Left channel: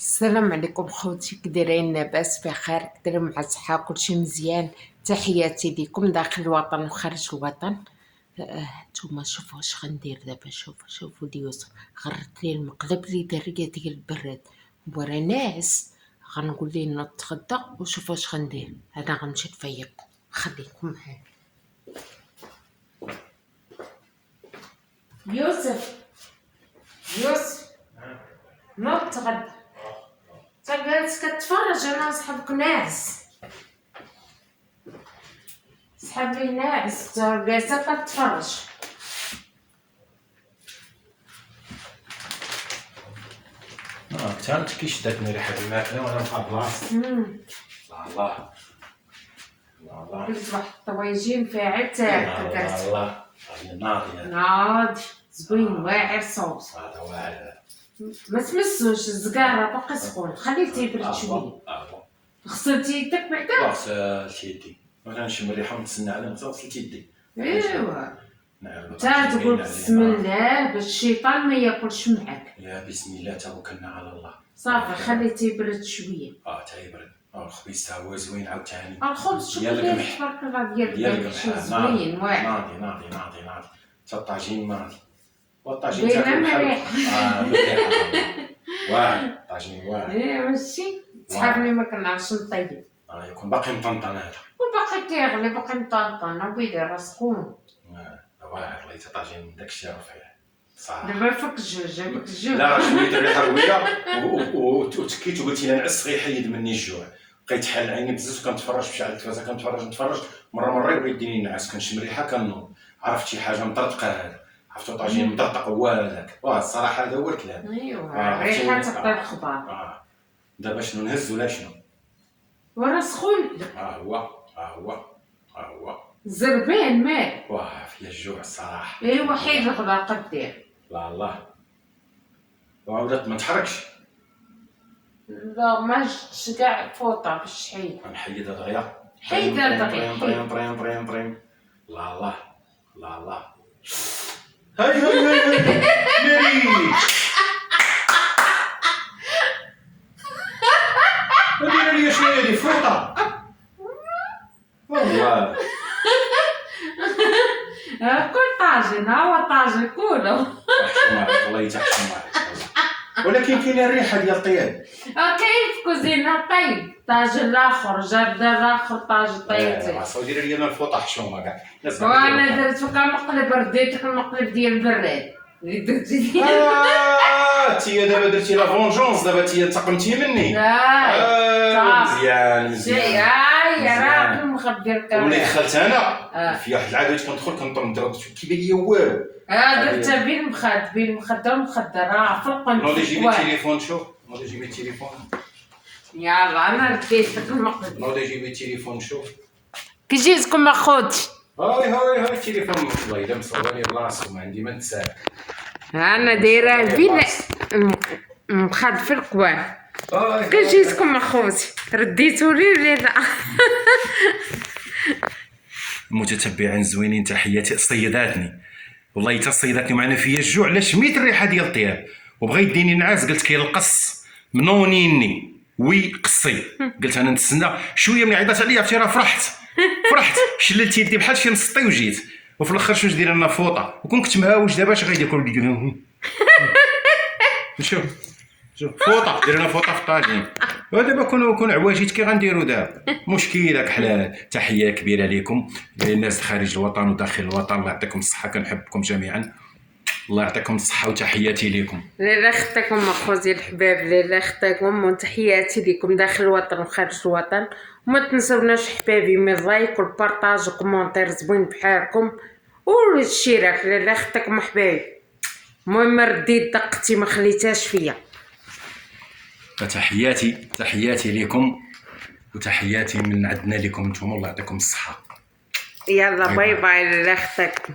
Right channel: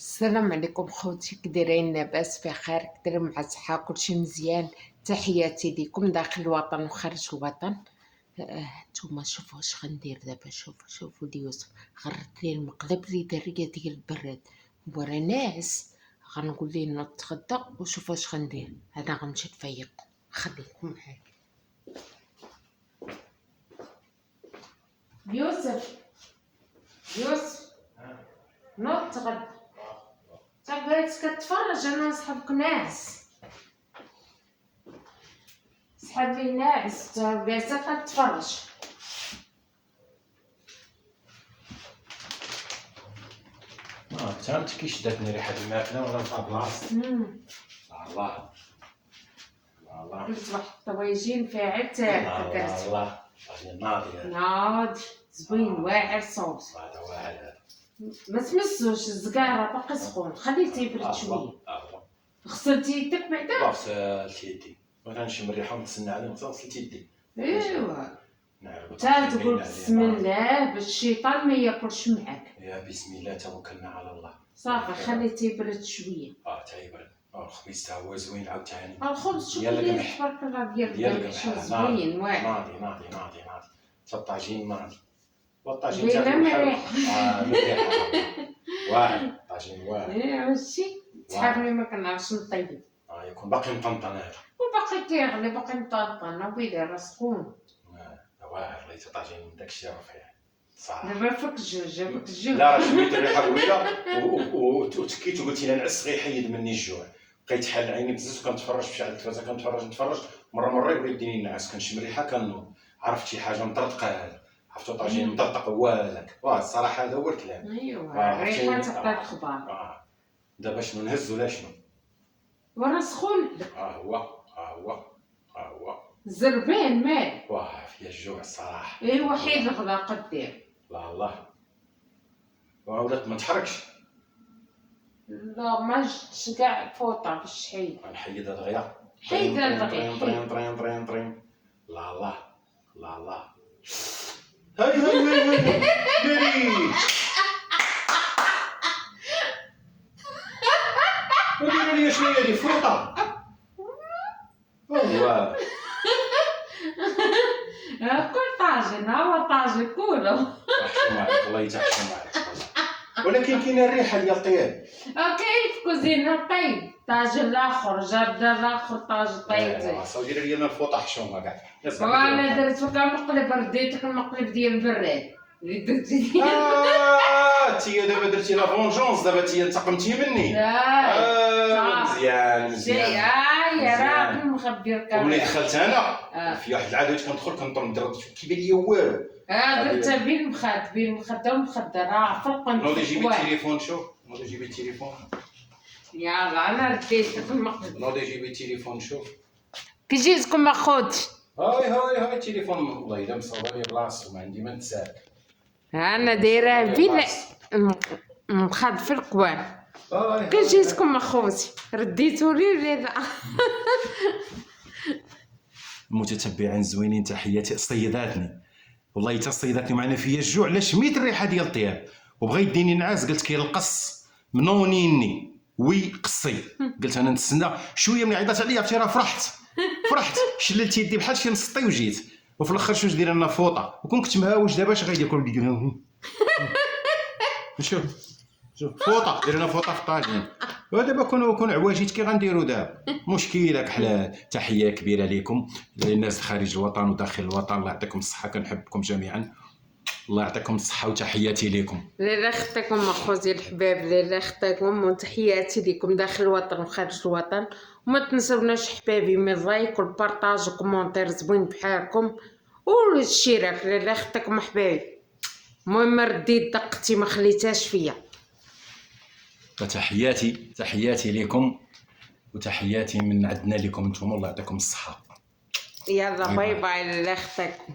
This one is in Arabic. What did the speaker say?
السلام عليكم خوتي، كدايرين؟ لاباس بخير؟ كدايرين مع الصحة؟ كلشي مزيان؟ تحياتي ليكم داخل الوطن وخارج الوطن. نتوما شوفوا واش غندير دابا. شوفوا يوسف غرت لي المقلب اللي دريه ديال البراد وراه ناعس. غنقول ليه نوض تغدى وشوفوا واش غندير. انا غنمشي نفيق، خليكم معايا. يوسف نوض تغدى. جالس كتفرج، انا صحابك ناعس. صحابي ناعس جالسه كتفرج. كنت انت كي شداتني ريحه الماكله وانا في بلاصتي. الله الله قلت واحد الطواجين فيها تاكل كرت. الله ناضي ناضي زوين واعر صوص. هذا واعر. ما تمسوش الزكاره باقي سخون، خليه تيبرد شويه. غسلتي يدك بعدا؟ غسلت يدي، ما كنشم الريحه ونتسنى عليه. غسلت يدي. ايوا نعم. تا تقول بسم الله باش الشيطان ما ياكلش معاك. يا بسم الله توكلنا على الله. صافي خليه تيبرد شويه. تيبرد. الخبيز تا هو زوين عاوتاني. الخبز شوف ديال ليه القمح. تبارك الله ديال القمح القمح زوين واعر. ناضي تا الطاجين ناضي. والطاجين باينه تاكل بحال مليح. مليح. واعر الطاجين واعر. ايه ماشي صحابني ما كنعرفش نطيب. يكون باقي مطنطن هذا. وباقي كيغلي باقي مطنطن وبيدير راه سخون. واعر ليت طاجين من داكشي رفيع صح. دابا فك الجوج. لا شويه الريحه قويه وتكيت وقلت لي نعس غيحيد مني الجوع. بقيت حال عيني بزاف كنتفرج في شعل التلفازه، كنتفرج مره يبغي يديني نعس. كنشم ريحه كنوض. عرفت شي حاجه مطرطقه هذا. عرفتو طاجين مطرطق هو هذاك. الصراحه هذا هو الكلام. ايوا الريحه تعطي الخبار. دابا شنو نهز ولا شنو؟ وراه سخون. هو زربان مال. فيا الجوع الصراحه. ايوا حيد الخضر قدير. الله ولات ما تحركش. لا ما جبتش كاع فوطه باش حيد. غنحيد دغيا. حيد دغيا. طرين. الله هاي ناري. ودير لي شنو هادي فوطه. واه كل طاجن هو طاجن كله. يحشم عليك الله يتحشم عليك. ولكن كاينه الريحه ديال الطياب. كاين في كوزينه طيب طاجن الاخر جرد الاخر طاجن طيب. دير لي انا الفوطه حشومه كاع. وانا درت كنقلب رديتك المقلب ديال البراد اللي درتي. تي دابا درتي لا فونجونس. دابا تي انتقمتي مني. لا مزيان شي هاي راه مخبي الكاميرا. وملي دخلت انا في واحد العاده كندخل كنطرد كيبان ليا والو. درتها بين المخده راه فرقا. نوضي جيبي التليفون. شوف نوضي جيبي التليفون. يلا انا رديتك المقلب. نوضي جيبي التليفون. شوف كي جيتكم اخوتي. هاي التليفون والله الا مصورني بلاصتو ما عندي ما نتسال. انا دايره بين مخاد في القوام. كي جيتكم اخوتي رديتوا لي ولا لا؟ المتتبعين زوينين تحياتي. صيداتني والله حتى صيداتني معنا فيا الجوع. علاش شميت الريحه ديال الطياب وبغى يديني نعاس. قلت كيلقص منونيني قصي. قلت انا نتسنى شويه. من عيطات عليا عرفتي راه فرحت شللت يدي بحال شي مسطي وجيت. وفي الاخر شنو دير لنا فوطه وكون كنت مهاوج. دابا اش غيدير كل شوف فوطه دير لنا فوطه في الطاجين. ودابا كون عواجيت كي غنديروا دابا مشكل داك حلال. تحيه كبيره لكم للناس خارج الوطن وداخل الوطن. الله يعطيكم الصحه. كنحبكم جميعا. الله يعطيكم الصحه وتحياتي لكم. لا خطاكم اخوتي الحباب. لا خطاكم وتحياتي لكم داخل الوطن وخارج الوطن. وما تنسوناش حبابي من لايك والبارطاج وكومونتير زوين بحالكم والاشتراك. لا خطاكم حبابي. المهم رديت دقتي ما خليتهاش فيا. تحياتي لكم وتحياتي من عندنا لكم انتم. الله يعطيكم الصحه. يلا باي باي. لا خطاكم.